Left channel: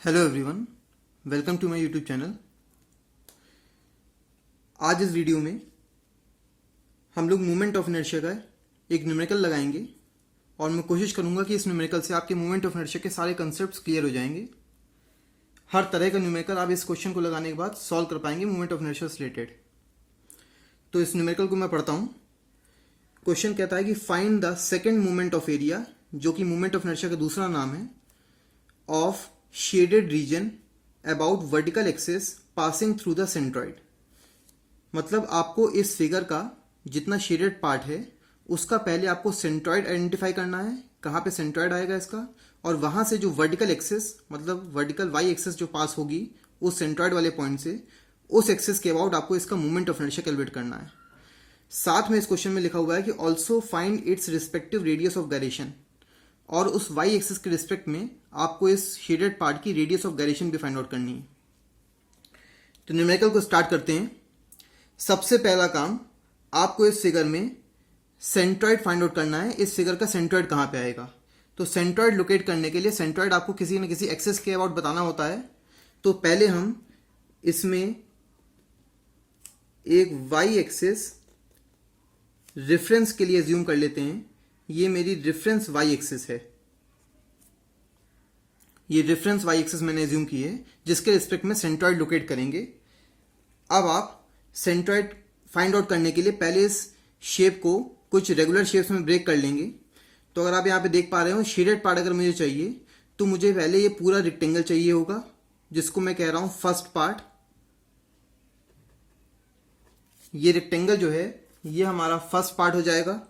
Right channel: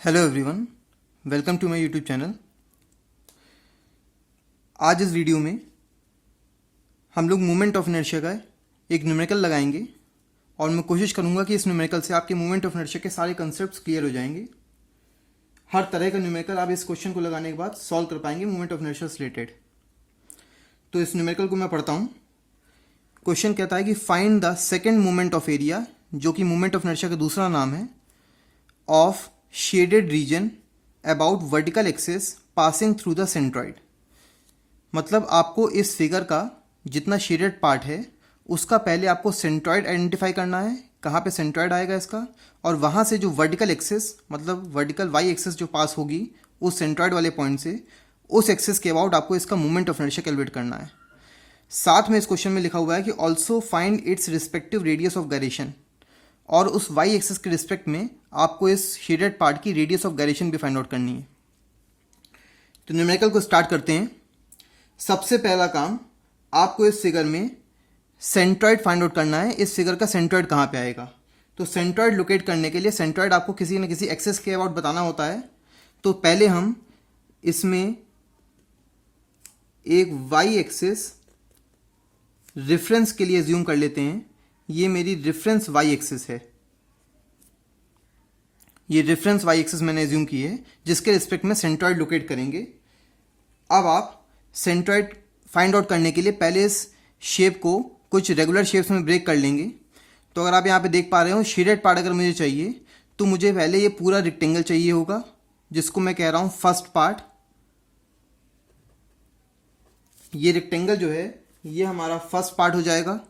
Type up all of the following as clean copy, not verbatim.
Hello everyone, welcome to my YouTube channel. आज इस video में हम लोग मोमेंट ऑफ इनर्शिया का एक न्यूमेरिकल लगाएंगे और मैं कोशिश करूंगा कि इस न्यूमेरिकल से आपके मोमेंट ऑफ इनर्शिया के सारे कंसेप्ट्स क्लियर हो जाएंगे। हर तरह का न्यूमेरिकल आप इस क्वेश्चन को लगाने के बाद सॉल्व कर पाएंगे मोमेंट ऑफ इनर्शिया से रिलेटेड। तो इस न्यूमेरिकल को मैं पढ़ता हूँ। क्वेश्चन कहता है कि find the second moment of area, जो कि मोमेंट ऑफ इनर्शिया का दूसरा नाम है, of shaded region about vertical axis passing through the centroid. मतलब आपको इस फिगर का जितना शेडेड पार्ट है उसका पहले आपको सेंट्रॉइड आइडेंटिफाई करना है, कहाँ पे सेंट्रॉइड आएगा इसका, और वहाँ से जो वर्टिकल एक्सिस मतलब वर्टिकल वाई एक्सिस जो पास होगी उस सेंट्रॉइड वाले पॉइंट से, उस एक्सिस के अबाउट आपको इसका मोमेंट ऑफ इनर्शिया कैलकुलेट करना है। साथ में इस क्वेश्चन में लिखा हुआ है कि also find its respective radius of gyration, और उस वाई एक्सिस के रिस्पेक्ट में आपको इस शेडेड पार्ट की रेडियस ऑफ गायरेशन भी फाइंड आउट करनी है। तो न्यूमेरिकल को स्टार्ट करते हैं। सबसे पहला काम, आपको इस फिगर में सेंट्रॉइड फाइंड आउट करना है। इस फिगर का सेंट्रॉइड कहाँ पे आएगा? तो सेंट्रॉइड लोकेट करने के लिए सेंट्रॉइड आपको किसी न किसी एक्सिस के अबाउट बताना होता है। तो पहले हम इसमें एक वाई एक्सिस रेफरेंस के लिए एज्यूम कर लेते हैं। ये मेरी रेफरेंस वाई एक्सिस है, ये रेफरेंस वाई एक्सिस मैंने एज्यूम की है, जिसके रिस्पेक्ट में सेंट्रॉइड लोकेट करेंगे। अब आप सेंट्रॉइड फाइंड आउट करने के लिए पहले इस शेप को कुछ रेगुलर शेप्स में ब्रेक कर लेंगे। तो अगर आप यहाँ पे देख पा रहे हो, शेडेड पार्ट अगर मुझे चाहिए तो मुझे पहले ये पूरा रेक्टेंगल चाहिए होगा, जिसको मैं कह रहा हूं फर्स्ट पार्ट। ये रेक्टेंगल जो है ये हमारा फर्स्ट पार्ट हो जाएगा।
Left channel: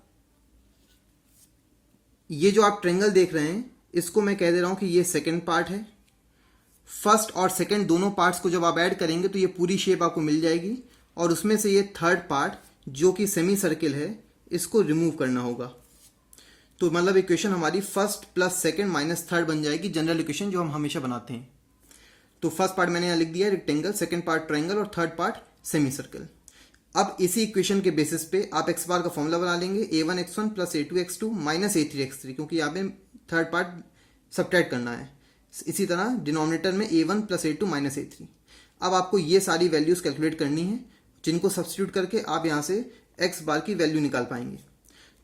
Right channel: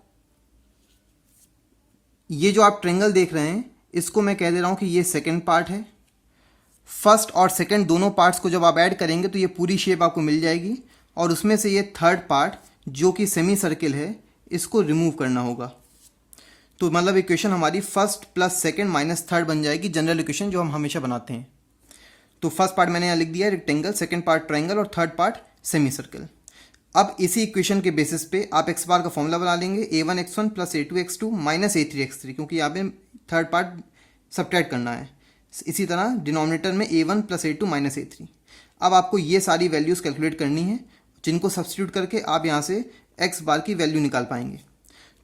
ये जो आप ट्रायंगल देख रहे हैं इसको मैं कह दे रहा हूं कि ये सेकंड पार्ट है। फर्स्ट और सेकंड दोनों पार्ट्स को जब आप ऐड करेंगे तो ये पूरी शेप आपको मिल जाएगी, और उसमें से ये थर्ड पार्ट जो कि सेमी सर्किल है इसको रिमूव करना होगा। तो मतलब इक्वेशन हमारी first plus second minus third बन जाएगी, जनरल इक्वेशन जो हम हमेशा बनाते हैं। तो फर्स्ट पार्ट मैंने यहाँ लिख दिया रेक्टेंगल, सेकंड पार्ट ट्रायंगल और थर्ड पार्ट सेमी सर्किल। अब इसी इक्वेशन के बेसिस पे आप एक्स बार का फॉर्मूला बना लेंगे, a1x1 plus a2x2 minus a3x3, क्योंकि यहाँ पे थर्ड पार्ट सब्ट्रैक्ट करना है। इसी तरह डिनोमिनेटर में a1 plus a2 minus a3। अब आपको ये सारी वैल्यूज़ कैलकुलेट करनी है, जिनको सब्स्टिट्यूट करके आप यहाँ से एक्स बार की वैल्यू निकाल पाएंगे।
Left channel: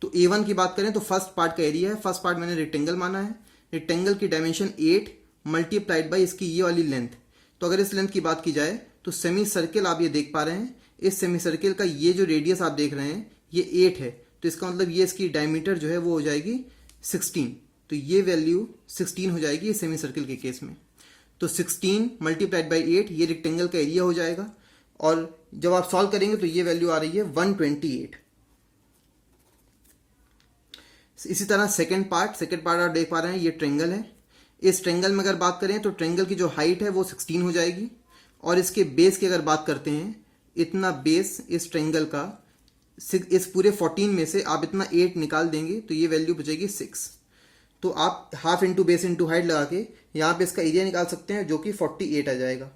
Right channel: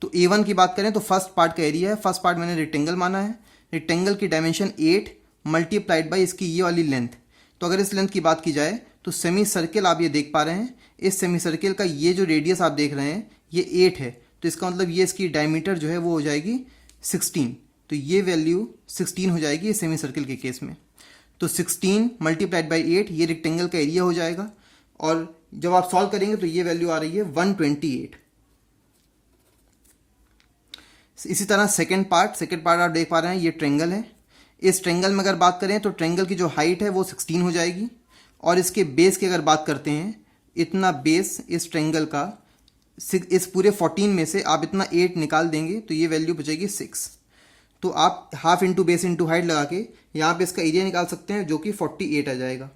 तो a1 की बात करें तो फर्स्ट पार्ट का एरिया है। फर्स्ट पार्ट मैंने रेक्टेंगल माना है। रेक्टेंगल की डायमेंशन 8 मल्टीप्लाइड बाई इसकी ये वाली लेंथ। तो अगर इस लेंथ की बात की जाए तो सेमी सर्किल आप ये देख पा रहे हैं, इस सेमी सर्किल का ये जो रेडियस आप देख रहे हैं ये 8 है। तो इसका मतलब ये इसकी डायमीटर जो है वो हो जाएगी 16। तो ये वैल्यू 16 हो जाएगी इस सेमी सर्किल के केस में। तो 16 मल्टीप्लाइड बाई 8 ये रेक्टेंगल का एरिया हो जाएगा, और जब आप सॉल्व करेंगे तो ये वैल्यू आ रही है 128। इसी तरह सेकेंड पार्ट आप देख पा रहे हैं ये ट्रायंगल है। इस ट्रायंगल में अगर बात करें तो ट्रायंगल की जो हाइट है वो 16 हो जाएगी, और इसके बेस की अगर बात करते हैं, इतना बेस इस ट्रायंगल का, इस पूरे 14 में से आप इतना 8 निकाल देंगे तो ये वैल्यू बचेगी 6। तो आप half into base into height लगा के यहाँ पे इसका एरिया निकाल सकते हैं, जो कि 48 आ जाएगा।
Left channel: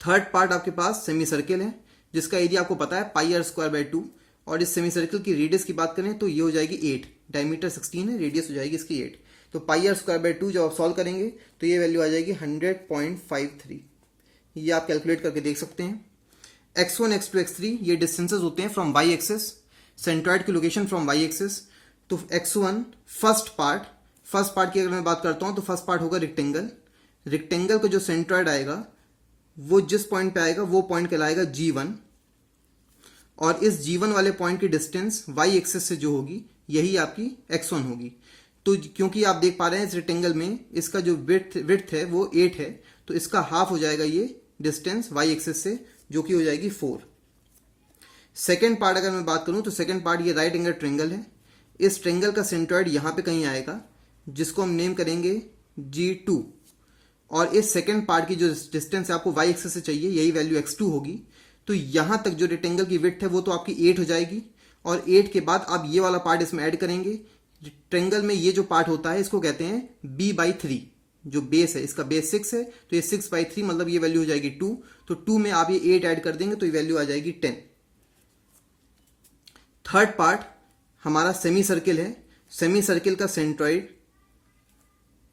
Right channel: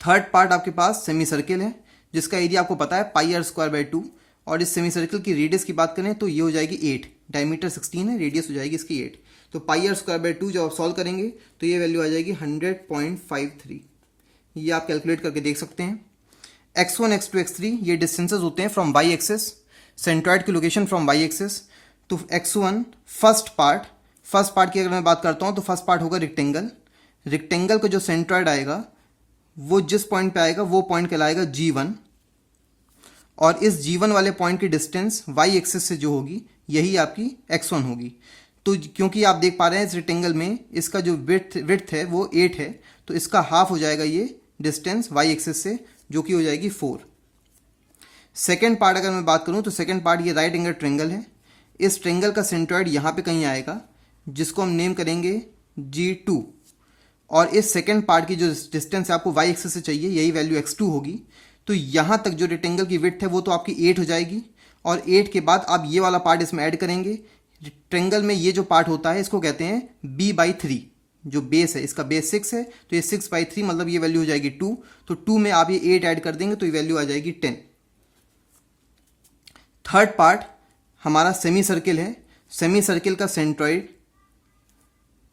थर्ड पार्ट आपके पास सेमी सर्किल है, जिसका एरिया आपको पता है πr²/2, और इस सेमी सर्किल की रेडियस की बात करें तो ये हो जाएगी 8। डायमीटर 16 है, रेडियस हो जाएगी इसकी 8। तो πr²/2 जब आप सॉल्व करेंगे तो ये वैल्यू आ जाएगी 100.53। ये आप कैलकुलेट करके देख सकते हैं। x1 x2 x3 ये डिस्टेंसेस होते हैं फ्रॉम वाई एक्सिस, सेंट्रॉइड की लोकेशन फ्रॉम वाई एक्सिस। तो x1 फर्स्ट पार्ट की अगर मैं बात करता हूँ तो फर्स्ट पार्ट होगा रेक्टेंगल। रेक्टेंगल का जो सेंट्रॉइड आएगा वो जिस पॉइंट पे आएगा वो पॉइंट कहलाएगा G1, और इस G1 वाले पॉइंट की डिस्टेंस वाई एक्सिस से जो होगी यही आपकी x1 होगी। तो क्योंकि आप देख पा रहे हैं इस रेक्टेंगल में इसका जो विड्थ है वो 8 है, तो इसका हाफ हो जाएगा ये डिस्टेंस वाई एक्सिस से, जो कि हो जाएगी 4। सेकेंड पार्ट अगर मैं बात करूं तो सेकेंड पार्ट ये राइट एंगल ट्रायंगल है। इस ट्रायंगल का सेंट्रॉइड यहाँ पे कहीं आएगा, जिसको हम नेम करेंगे G2, और इस सेकेंड पार्ट की जो डिस्टेंस आपको वाई एक्सिस से चाहिए यही वैल्यू x2 होगी। तो यहाँ तक जो रेक्टेंगल की विड्थ है वो तो आपकी 8 हो जाएगी, और 8 के बाद आप ये वाला पार्ट इसमें ऐड करेंगे। ट्रायंगल में ये जो पार्ट होता है इसको कहते हैं b/3। जो बेस है इसका बेस 6 है, तो ये 6/3 मतलब ये वैल्यू हो जाएगी 2। तो 2 में आप ये 8 ऐड कर देंगे तो ये वैल्यू आ जाएगी 10। थर्ड पार्ट हमारा सेमी सर्किल है। सेमी सर्किल का सेंट्रॉइड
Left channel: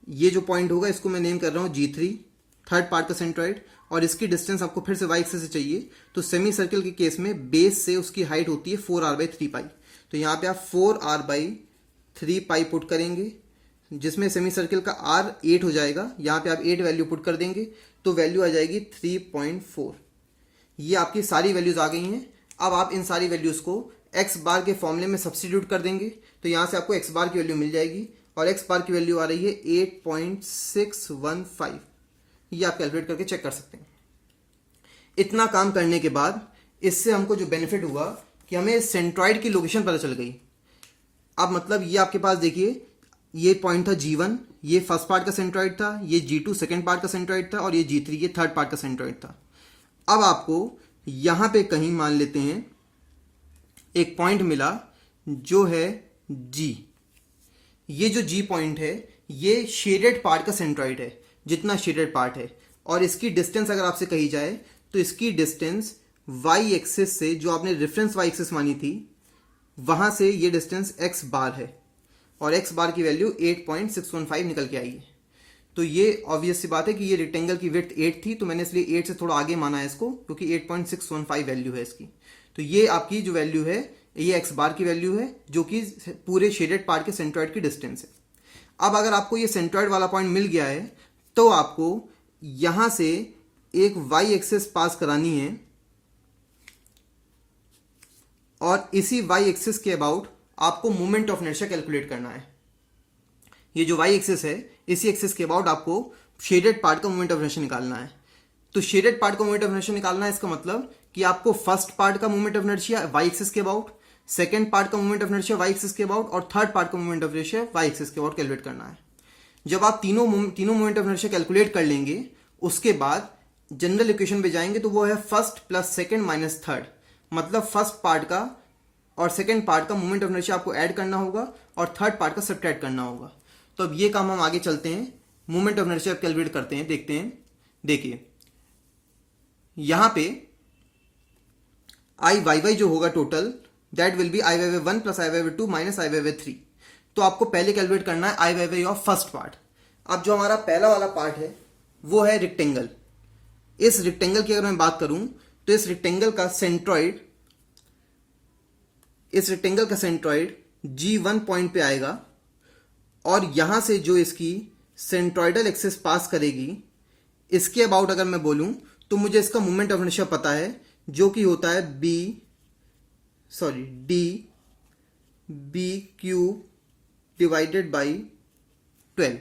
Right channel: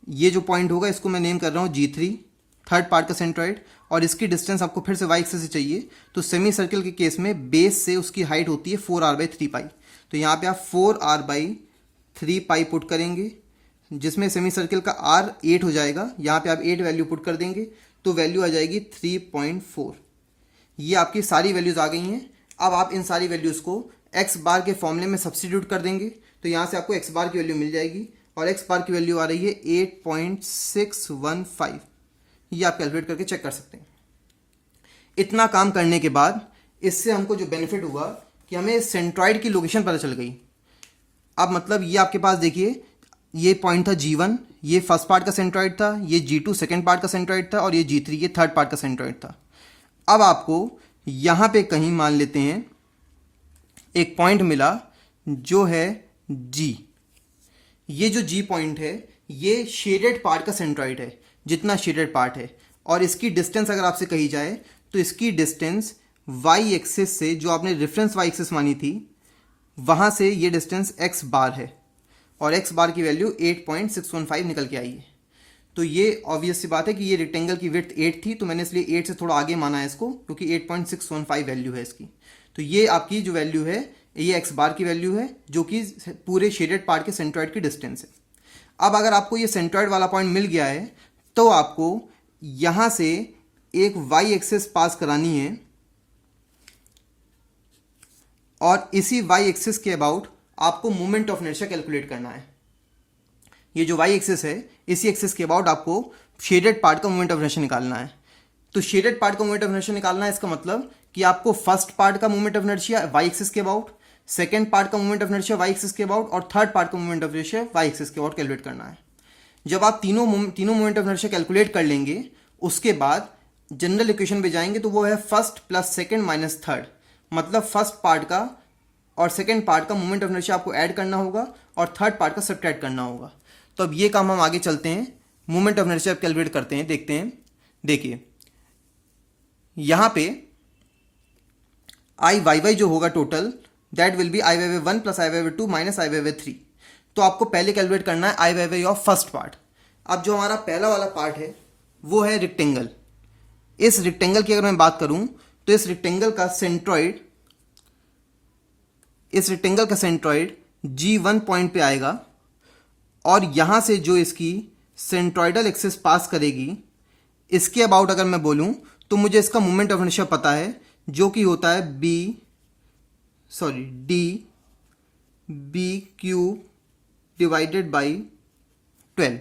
ये जो पॉइंट होगा इसको मैं नेम कर रहा हूँ G3, थर्ड पार्ट का सेंट्रॉइड, और इसकी डिस्टेंस आपको फिर से y एक्सिस से चाहिए। तो सेमी सर्कल के केस में बेस से उसकी हाइट होती है 4r/3π। तो यहाँ पे आप 4r/3π पुट करेंगे, जिसमें सेमी सर्कल का r 8 हो जाएगा। यहाँ पे आप 8 वैल्यू पुट कर देंगे तो वैल्यू आ जाएगी 3.4। ये आपकी सारी वैल्यूज आ गई हैं। अब आप इन सारी वैल्यूज को x बार के फॉर्मूले में सब्स्टिट्यूट कर देंगे तो यहाँ से आपको x बार की वैल्यू मिल जाएगी, और x बार की वैल्यू आ रही है 8.615। ये आप कैलकुलेट करके चेक कर सकते हैं। इतना काम करने के बाद इससे हमको जो बेनिफिट हुआ कि हमें सेंट्रॉइड की लोकेशन पता चल गई। अब मतलब ये आपके पास देखिए, ये पॉइंट था G1, ये फर्स्ट पार्ट का सेंट्रॉइड था, ये G2 सेकंड पार्ट का सेंट्रॉइड था, और ये G3 ये थर्ड पार्ट का सेंट्रॉइड था। अब आपको यहां पे कहीं मान लेते हैं एक पॉइंट मिला जो है G। ये जो G पॉइंट है ये शेडेड पार्ट का सेंट्रॉइड है, जितना शेडेड पार्ट है, और इसकी डिस्टेंस अगर आपसे कही जाए तो इसकी डिस्टेंस y एक्सिस से, जो आपने रेफरेंस y एक्सिस मानी थी, वहां से ये डिस्टेंस x बार है, और x बार की वैल्यू 8.615 निकल के आई है। तो ये ऑब्वियस सी बात है कि ये रेक्टेंगल की विड्थ 8 थी, तो मैंने इसलिए 8 से थोड़ा आगे माना है इसको, क्योंकि 8.615 वैल्यू है इसकी। तो ये आपकी जो वैल्यू है ये x बार की वैल्यू है, जो कि पूरे शेडेड पार्ट के सेंट्रॉइड की डिस्टेंस है। अब अगर आपको ये सेंट्रॉइड वाला पॉइंट मिल गया है तो आपको यहां से एक y एक्सिस पास करानी है, और इसी y एक्सिस के अबाउट आपको मोमेंट ऑफ इनर्शिया कैलकुलेट करना है। ये जो y एक्सिस है इसी एक्सिस के अबाउट आपको शेडेड पार्ट का मोमेंट ऑफ इनर्शिया निकालना है। तो शेडेड पार्ट का मोमेंट ऑफ इनर्शिया निकालना है, इसका मतलब कि आपको फर्स्ट पार्ट का moment of inertia y axis के अबाउट, सेकंड पार्ट का moment of inertia y axis के अबाउट, और थर्ड पार्ट का moment of inertia y axis के अबाउट कैलकुलेट करना है। जब आप तीनों मोमेंट ऑफ इनर्शिया कैलकुलेट कर लेंगे, उसके बाद जनरल इक्वेशन पे जाएंगे तो वो है first plus second minus third. मतलब फर्स्ट पार्ट का और सेकंड पार्ट का मोमेंट ऑफ इनर्शिया आपको ऐड करना होगा और थर्ड पार्ट का सब्ट्रैक्ट करना होगा। तो अब ये काम हम आगे चलते हैं, मोमेंट ऑफ इनर्शिया कैलकुलेट करते हैं, देखते हैं। देखिए यहां पे आई वाई वाई जो होगा total, that will be I Y Y 1 plus I Y Y 2 minus I Y Y 3। तो आपको पहले कैलकुलेट करना है I Y Y of first part. अब जो हमारा पहला वाला पार्ट है वो है रेक्टेंगल। इस रेक्टेंगल की अगर मैं बात करूं तो इस रेक्टेंगल का सेंट्रॉइड G1 पॉइंट पे आएगा, और यहां से जो इसकी सेंट्रॉइडल एक्सिस पास करेगी, इसके अबाउट अगर मैं बोलूं तो मुझे इसका मोमेंट ऑफ इनर्शिया पता है, जो कि होता है DB³ डिवाइडेड बाई 12।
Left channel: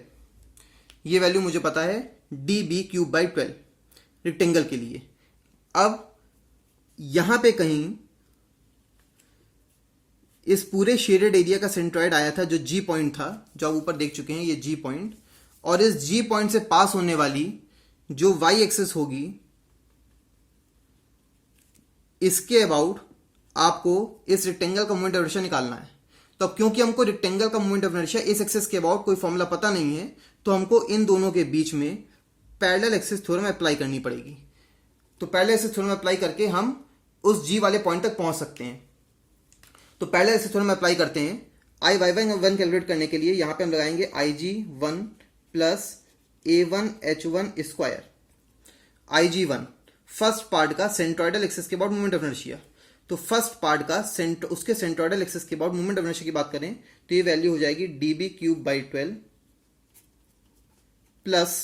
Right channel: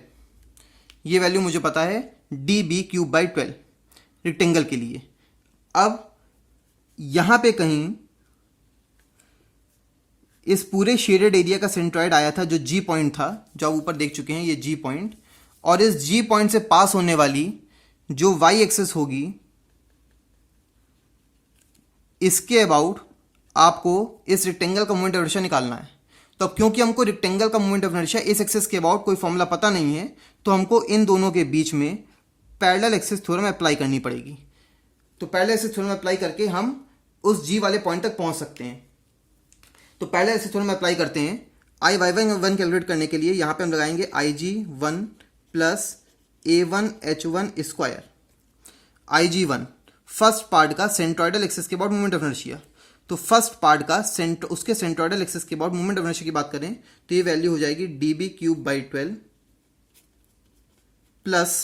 ये वैल्यू मुझे पता है DB³/12 रेक्टेंगल के लिए। अब यहां पे कहीं इस पूरे शेडेड एरिया का सेंट्रॉइड आया था, जो G पॉइंट था, जो आप ऊपर देख चुके हैं ये G पॉइंट, और इस G पॉइंट से पास होने वाली जो y एक्सिस होगी, इसके अबाउट आपको इस रेक्टेंगल का मोमेंट ऑफ इनर्शिया निकालना है। तो क्योंकि हमको रेक्टेंगल का मोमेंट ऑफ इनर्शिया इस एक्सिस के अबाउट कोई फॉर्मूला पता नहीं है, तो हमको इन दोनों के बीच में पैरेलल एक्सिस थ्योरम अप्लाई करनी पड़ेगी। तो पैरेलल एक्सिस थ्योरम अप्लाई करके हम उस G वाले पॉइंट तक पहुंच सकते हैं। तो पैरेलल एक्सिस थ्योरम अप्लाई करते हैं। आई वाई वाई 1 कैलकुलेट करने के लिए यहां पे हम लगाएंगे IG1 plus A1H1 square. IG1 first part का सेंट्रॉइडल एक्सिस के अबाउट मोमेंट ऑफ इनर्शिया। तो फर्स्ट पार्ट का उसके सेंट्रॉइडल एक्सिस के अबाउट मोमेंट ऑफ इनर्शिया की बात करें तो ये वैल्यू हो जाएगी DB³/12 प्लस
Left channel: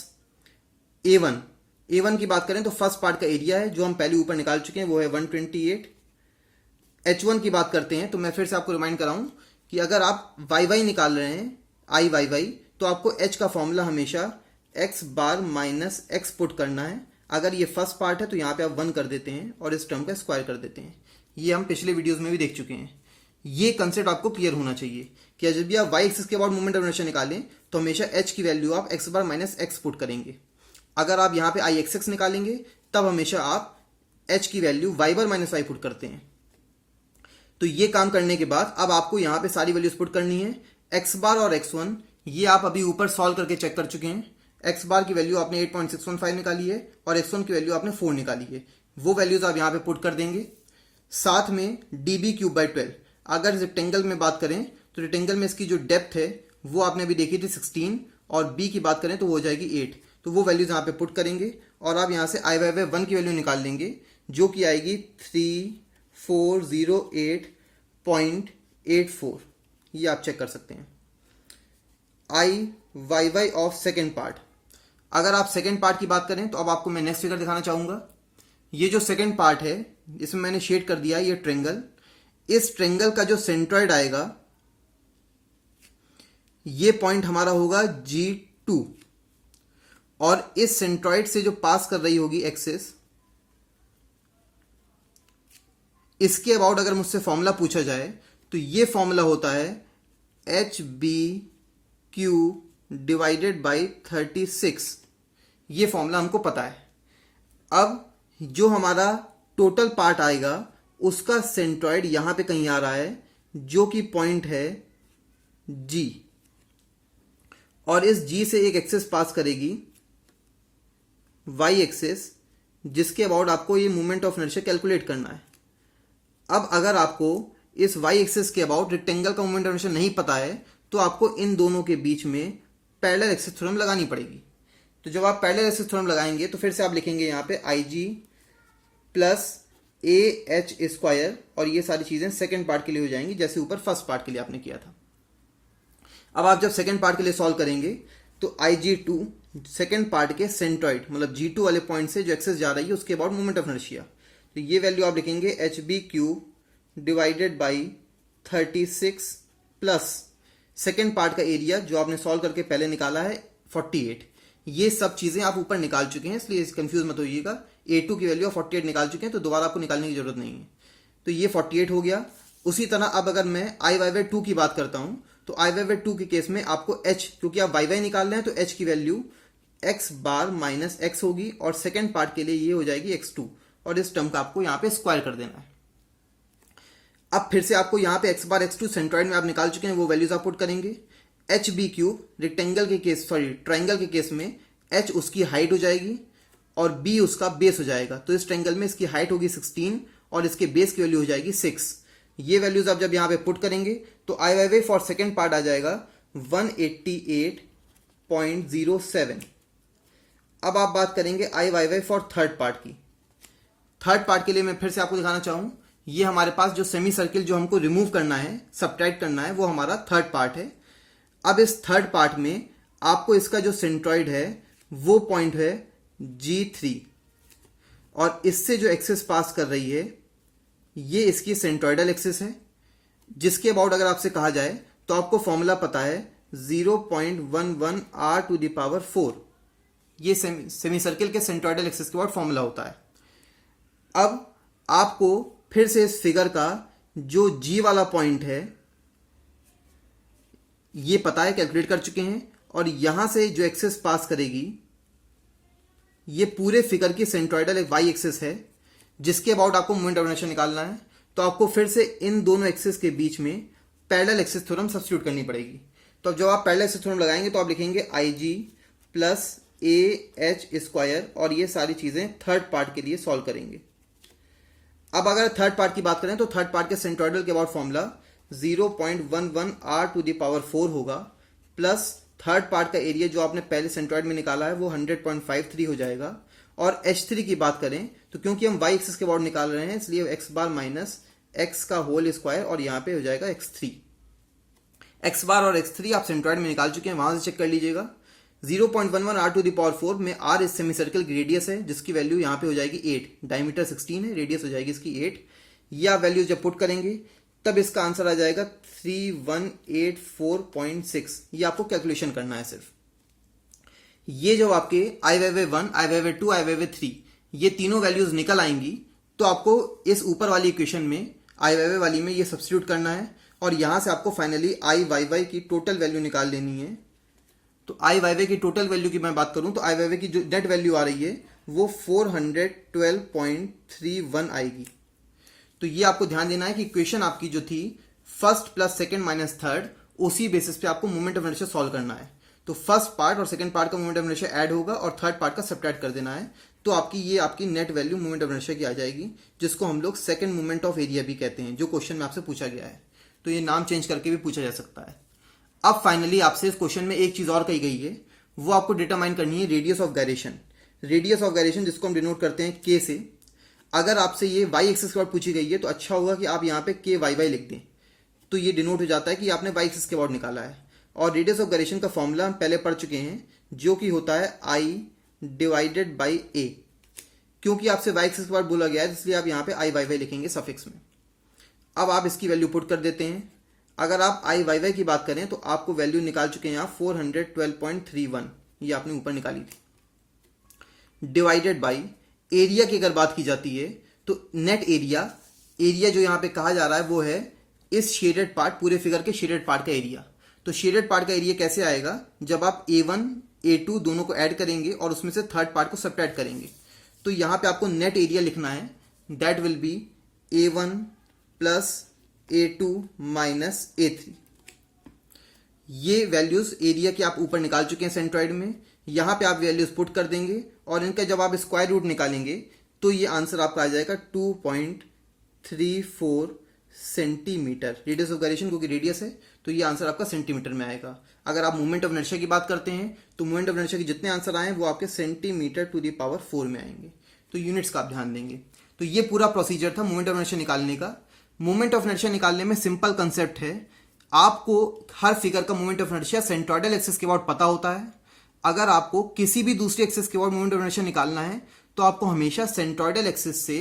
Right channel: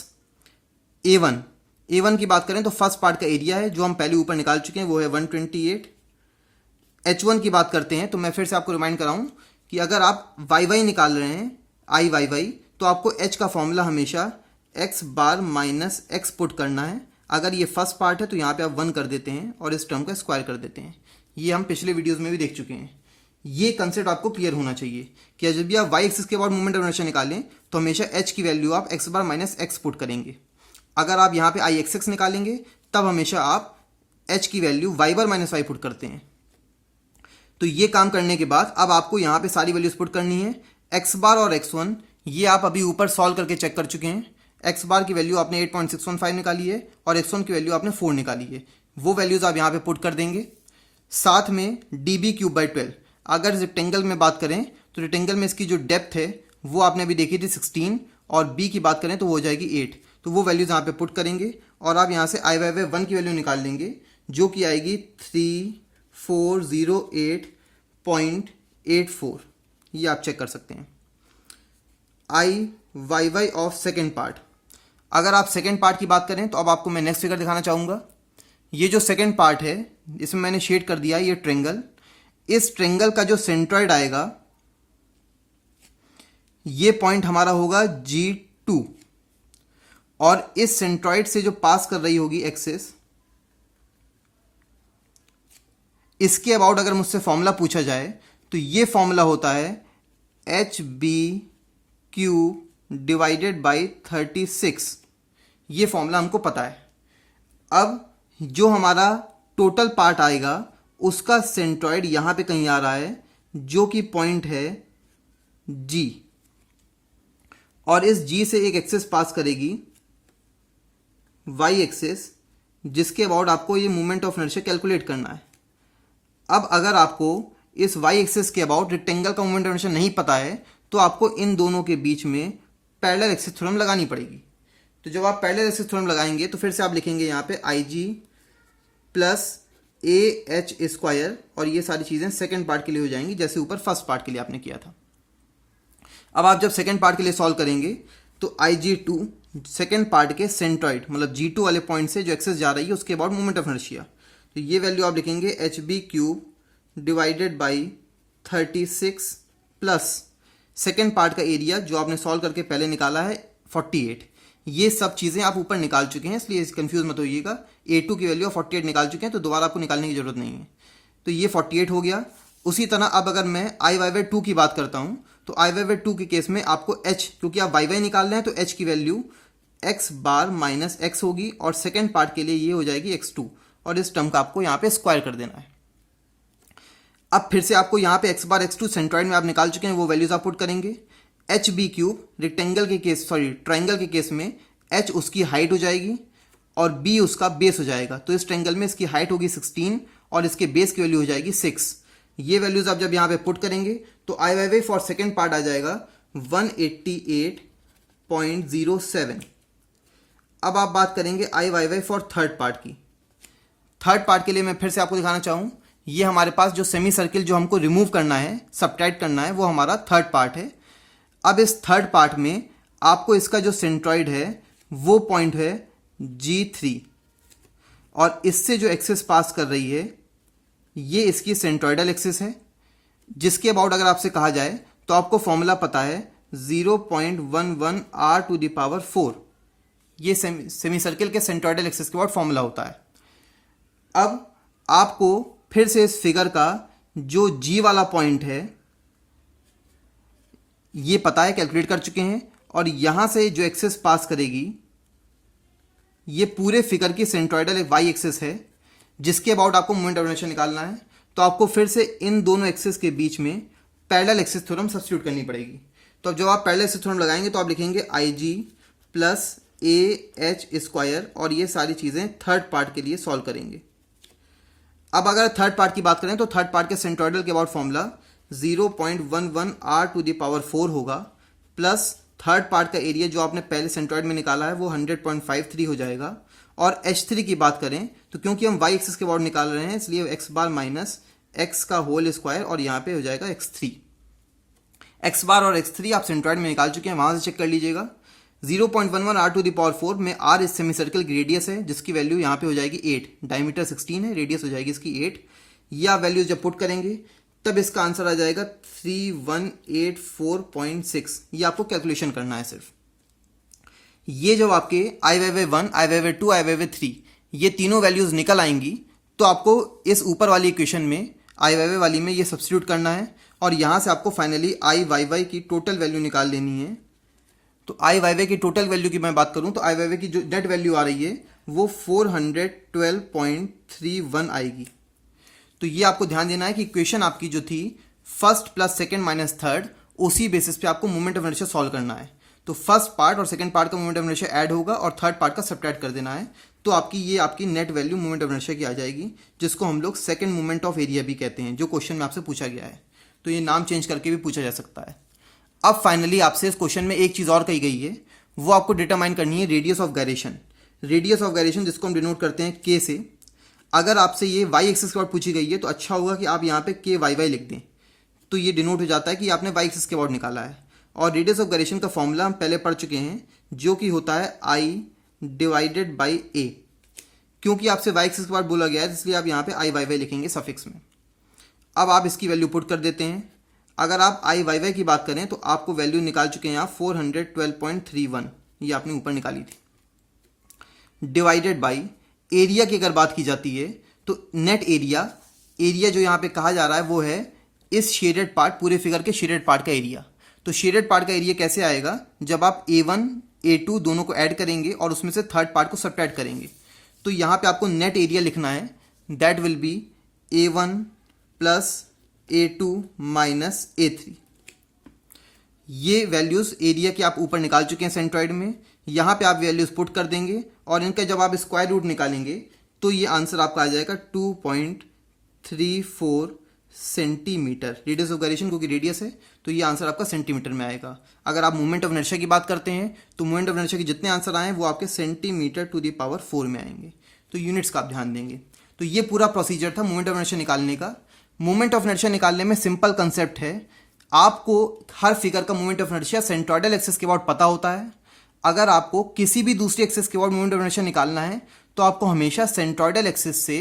A1 की बात करें तो फर्स्ट पार्ट का एरिया है, जो हम पहले ऊपर निकाल चुके हैं, वो है 128। H1 की बात करते हैं तो मैं फिर से आपको रिमाइंड कराऊं कि अगर आप YY निकाल रहे हैं आई वाई वाई, तो आपको H का फॉर्मूला हमेशा x बार माइनस x पुट करना है। अगर ये फर्स्ट पार्ट है तो यहाँ पे आप 1 कर देते हैं और इस टर्म का स्क्वायर कर देते हैं। ये हम पिछले वीडियोस में भी देख चुके हैं। ये कंसेप्ट आपको क्लियर होना चाहिए कि जब भी आप y एक्सिस के बाद मोमेंट ऑफ इनर्शिया निकालें तो हमेशा h की वैल्यू आप x बार माइनस x पुट करेंगे। अगर आप यहाँ पे आई एक्स निकालेंगे तब हमेशा आप h की वैल्यू y बार माइनस y पुट करते हैं। तो ये काम करने के बाद अब आपको यहाँ पे सारी वैल्यूज पुट करनी है। x बार और x1 ये आप अभी ऊपर सॉल्व करके चेक कर चुके हैं। x बार की वैल्यू आपने 8.615 निकाली है और x1 की वैल्यू आपने 4 निकाली है। वो वैल्यूज आप यहाँ पे पुट कर देंगे। साथ में DB³/12, अगर रेक्टेंगल में बात करें तो रेक्टेंगल में इसकी जो डेप्थ है वो आपने अभी देखी थी 16, और बी की बात करें तो वो हो जाएगी 8। तो वो वैल्यूज यहाँ पे पुट करेंगे और आप यहाँ से I/1 की वैल्यू निकाल लेंगे जो कि आएगी 3408.84। ये आप चेक कर सकते हैं। I/Y ऑफ सेकेंड पार्ट, अगर आप सेकेंड पार्ट की बात करें तो अब आपको मैं नेक्स्ट फिगर दिखाना चाहूँगा। ये जो सेकेंड पार्ट है इसमें मैंने शेड कर दिया ये ट्रेंगल। इस ट्रेंगल का जो सेंट्रॉइड आएगा ये पॉइंट हमारा होगा G2 और इस सेंट्रॉइड से जो पास कर रही होगी एक्सिस, इसके अबाउट अगर मुझसे फॉर्मूला पूछा जाए तो ये फॉर्मूला होता है HBQ डिवाइडेड बाई 36। ये फॉर्मूला हमको पता है। अब जो हमारा टोटल पार्ट आएगा उसका सेंट्रॉइड यहां पे कहीं आ रहा है जो कि पॉइंट है G, और इस G से एक एक्सिस पास करेगी Y एक्सिस, जिसके अबाउट आपको ये मोमेंट ऑफ इनर्शिया कैलकुलेट करना है। अब अगर आपको इस Y एक्सिस के अबाउट रेक्टेंगल का मोमेंट ऑफ इनर्शिया नहीं पता है तो आपको इन दोनों के बीच में पैरेलल एक्सिस थ्योरम लगानी पड़ेगी। तो जब आप पैरेलल एक्सिस थ्योरम लगाएंगे तो फिर से आप लिखेंगे यहाँ पे IG प्लस AH स्क्वायर, और ये सारी चीज़ें सेकेंड पार्ट के लिए हो जाएंगी जैसे ऊपर फर्स्ट पार्ट के लिए आपने किया था। अब आप जब सेकेंड पार्ट के लिए सॉल्व करेंगे तो IG2 सेकेंड पार्ट के सेंट्रॉइड मतलब G2 वाले पॉइंट से जो एक्सेस जा रही है उसके अबाउट मोमेंट ऑफ इनर्शिया, तो ये वैल्यू आप लिखेंगे HB³ divided by 36 plus second part का एरिया जो आपने सॉल्व करके पहले निकाला है 48। ये सब चीज़ें आप ऊपर निकाल चुके हैं इसलिए कंफ्यूज मत होइएगा। A2 की वैल्यू 48 निकाल चुके हैं तो दोबारा आपको निकालने की जरूरत नहीं है। तो ये 48 हो गया। उसी तरह अब अगर मैं I/2 की बात करता हूँ तो I/2 के केस में आपको H, क्योंकि आप Y निकाल रहे हैं तो H की वैल्यू x बार माइनस x होगी और सेकेंड पार्ट के लिए ये हो जाएगी x2, और इस टर्म का आपको यहाँ पे स्क्वायर कर देना है। अब फिर से आपको यहाँ पे x बार x2 सेंट्रॉइड में आप निकाल चुके हैं, वो वैल्यूज आप पुट करेंगे। HB³ रेक्टेंगल के केस ट्राइंगल के केस में h उसकी हाइट हो जाएगी और b उसका बेस हो जाएगा। तो इस ट्राइंगल में इसकी हाइट होगी 16 और इसके बेस की वैल्यू हो जाएगी 6। ये वैल्यूज आप जब यहाँ पे पुट करेंगे तो I/Y फॉर सेकेंड पार्ट आ जाएगा 188.07। अब आप बात करेंगे I/Y फॉर थर्ड पार्ट की। थर्ड पार्ट के लिए मैं फिर से आपको दिखाना चाहूँ, ये हमारे पास जो सेमी सर्किल जो हमको रिमूव करना है, सब्ट्रैक्ट करना है, वो हमारा थर्ड पार्ट है। अब इस थर्ड पार्ट में आपको इसका जो सेंट्रॉइड है वो पॉइंट है G3 और इससे जो एक्सिस पास कर रही है ये इसकी सेंट्रॉइडल एक्सिस है, जिसके अबाउट अगर आपसे कहा जाए तो आपको फॉर्मूला पता है 0.11 r⁴। ये सेमी सर्किल के सेंट्रॉइडल एक्सिस के अबाउट फॉर्मूला होता है। अब आपको फिर से इस फिगर का जो G वाला पॉइंट है ये पता है, कैलकुलेट कर चुके हैं, और यहां से जो एक्सिस पास करेगी ये पूरे फिगर की सेंट्रॉइडल एक Y एक्सिस है जिसके अबाउट आपको मोमेंट ऑफ इनर्शिया निकालना है। तो आपको फिर से इन दोनों एक्सिस के बीच में पैरेलल एक्सिस थ्योरम सब्स्टिट्यूट करनी पड़ेगी। तो जब आप पैरेलल एक्सिस थ्योरम लगाएंगे तो आप लिखेंगे IG प्लस AH स्क्वायर, और ये सारी चीज़ें थर्ड पार्ट के लिए सॉल्व करेंगे। अब अगर थर्ड पार्ट की बात करें तो थर्ड पार्ट के सेंट्रॉइडल के अबाउट फॉर्मूला 0.11 r⁴ होगा प्लस थर्ड पार्ट का एरिया जो आपने पहले सेंट्रॉइड में निकाला है वो 100.53 हो जाएगा। और H3 की बात करें तो क्योंकि हम Y एक्सिस के अबाउट निकाल रहे हैं इसलिए x बार माइनस x का होल स्क्वायर, और यहाँ पे हो जाएगा x3। x बार और x3 आप सेंट्रॉइड में निकाल चुके हैं, वहां से चेक कर लीजिएगा। 0.11 r⁴ में r इस सेमी सर्कल की रेडियस है जिसकी वैल्यू यहाँ पे हो जाएगी 8, डायमीटर 16 है, रेडियस हो जाएगी इसकी 8। ये आप वैल्यू जब पुट करेंगे तब इसका आंसर आ जाएगा 3184.6। ये आपको कैलकुलेशन करना है सिर्फ। ये जो आपके I/1, I/2, I/3 ये तीनों वैल्यूज निकल आएंगी तो आपको इस ऊपर वाली इक्वेशन में I/Y वाली में ये सब्स्टिट्यूट करना है और यहां से आपको फाइनली I/Y की टोटल वैल्यू निकाल लेनी है। तो I/Y की टोटल वैल्यू की मैं बात करूं तो I/Y की जो नेट वैल्यू आ रही है वो 412.31 आएगी। तो ये आपको ध्यान देना है कि इक्वेशन आपकी जो थी first plus second minus third, उसी बेसिस पे आपको मोमेंट ऑफ इनर्शिया सॉल्व करना है। तो फर्स्ट पार्ट और सेकंड पार्ट का मोमेंट ऑफ इनर्शिया ऐड होगा और थर्ड पार्ट का सब्ट्रैक्ट कर देना है। तो आपकी net value moment of inertia की आ जाएगी, जिसको हम लोग सेकंड मोमेंट ऑफ एरिया भी कहते हैं, जो क्वेश्चन में आपसे पूछा गया है। तो ये नाम चेंज करके भी पूछा जा सकता है। अब फाइनली आपसे इस क्वेश्चन में एक चीज और कही गई है, वो आपको डिटरमाइन करनी है radius of gyration. Radius of gyration जिसको हम डिनोट करते हैं के से। अगर आपसे ये वाई एक्सिस के अबाउट पूछी गई है तो अच्छा होगा कि आप यहाँ पे के वाई वाई लिख दें, तो ये डिनोट हो जाता है कि आपने वाई एक्सिस के अबाउट निकाला है। और रेडियस ऑफ गायरेशन का फॉर्मूला हम पहले पढ़ चुके हैं, जो कि होता है आई डिवाइडेड बाई ए। क्योंकि आपसे वाई एक्सिस के अबाउट बोला गया है इसलिए आप यहाँ पे आई वाई वाई लिखेंगे सफिक्स में। अब आप इसकी वैल्यू पुट कर देते हैं। अगर आप आई वाई वाई की बात करें तो आपको वैल्यू निकाल चुके हैं यहाँ 412.31, ये आपने ऊपर निकाली थी। डिवाइडेड बाई एरिया की अगर बात की जाती है तो नेट एरिया, एरिया जो यहाँ पे कहा जा रहा है वो है इस शेडेड पार्ट, पूरे फिगर के शेडेड पार्ट का एरिया। तो शेडेड पार्ट का एरिया कैसे आएगा, जब आप A1 A2 दोनों को ऐड करेंगे और उसमें से थर्ड पार्ट को सब्ट्रैक्ट करेंगे। तो यहाँ पे आपको नेट एरिया लिखना है, that will B A1 plus A2 minus A3। ये वैल्यूज एरिया के आप ऊपर निकाल चुके हैं सेंट्रॉइड में। यहाँ पे आप वैल्यूज पुट कर देंगे और इनका जब आप स्क्वायर रूट निकालेंगे तो ये आंसर आपका आ जाएगा 2.34 सेंटीमीटर। रेडियस ऑफ गायरेशन क्योंकि रेडियस है तो ये आंसर आपका सेंटीमीटर में आएगा। अगर आप मोमेंट ऑफ इनर्शिया की बात करते हैं तो मोमेंट ऑफ इनर्शिया के जितने आंसर आए वो आपके सेंटीमीटर टू द पावर 4 में आएंगे। तो यूनिट्स का आप ध्यान देंगे। तो ये पूरा प्रोसीजर था मोमेंट ऑफ इनर्शिया निकालने का। मोमेंट ऑफ इनर्शिया निकालने में सिंपल कंसेप्ट है, आपको हर फिगर का moment of inertia centroidal axis के अबाउट पता होता है। अगर आपको किसी भी दूसरी एक्सिस के अबाउट मोमेंट ऑफ इनर्शिया निकालना है तो आपको हमेशा सेंट्रोइडल एक्सिस से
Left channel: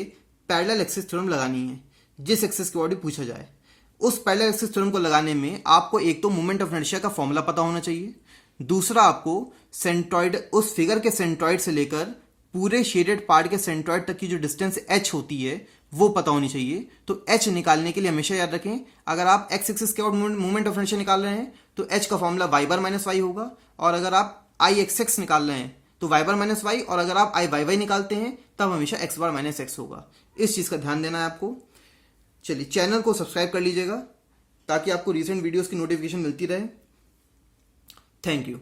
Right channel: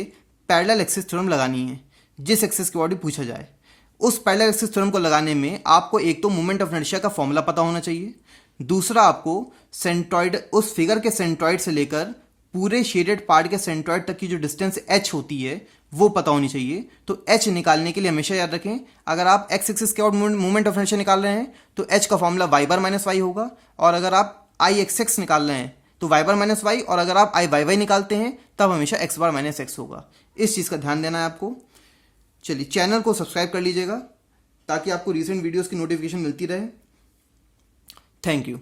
पैरेलल एक्सिस थ्योरम लगानी है, जिस एक्सिस के अबाउट भी पूछा जाए। उस पैरेलल एक्सिस थ्योरम को लगाने में आपको एक तो मोमेंट ऑफ इनर्शिया का फॉर्मूला पता होना चाहिए, दूसरा आपको सेंट्रोइड, उस फिगर के सेंट्रोइड से लेकर पूरे शेडेड पार्ट के सेंट्रोइड तक की जो डिस्टेंस h होती है वो पता होनी चाहिए। तो h निकालने के लिए हमेशा याद रखें, अगर आप x एक्सिस के अबाउट मोमेंट ऑफ इनर्शिया निकाल रहे हैं तो h का फॉर्मूला y बार माइनस वाई होगा, और अगर आप i x निकाल रहे हैं तो y बार माइनस वाई, और अगर आप i y y निकालते हैं तब हमेशा x बार माइनस x होगा। इस चीज़ का ध्यान देना है आपको। चलिए चैनल को सब्सक्राइब कर लीजिएगा ताकि आपको रिसेंट वीडियोस की नोटिफिकेशन मिलती रहे। Thank you.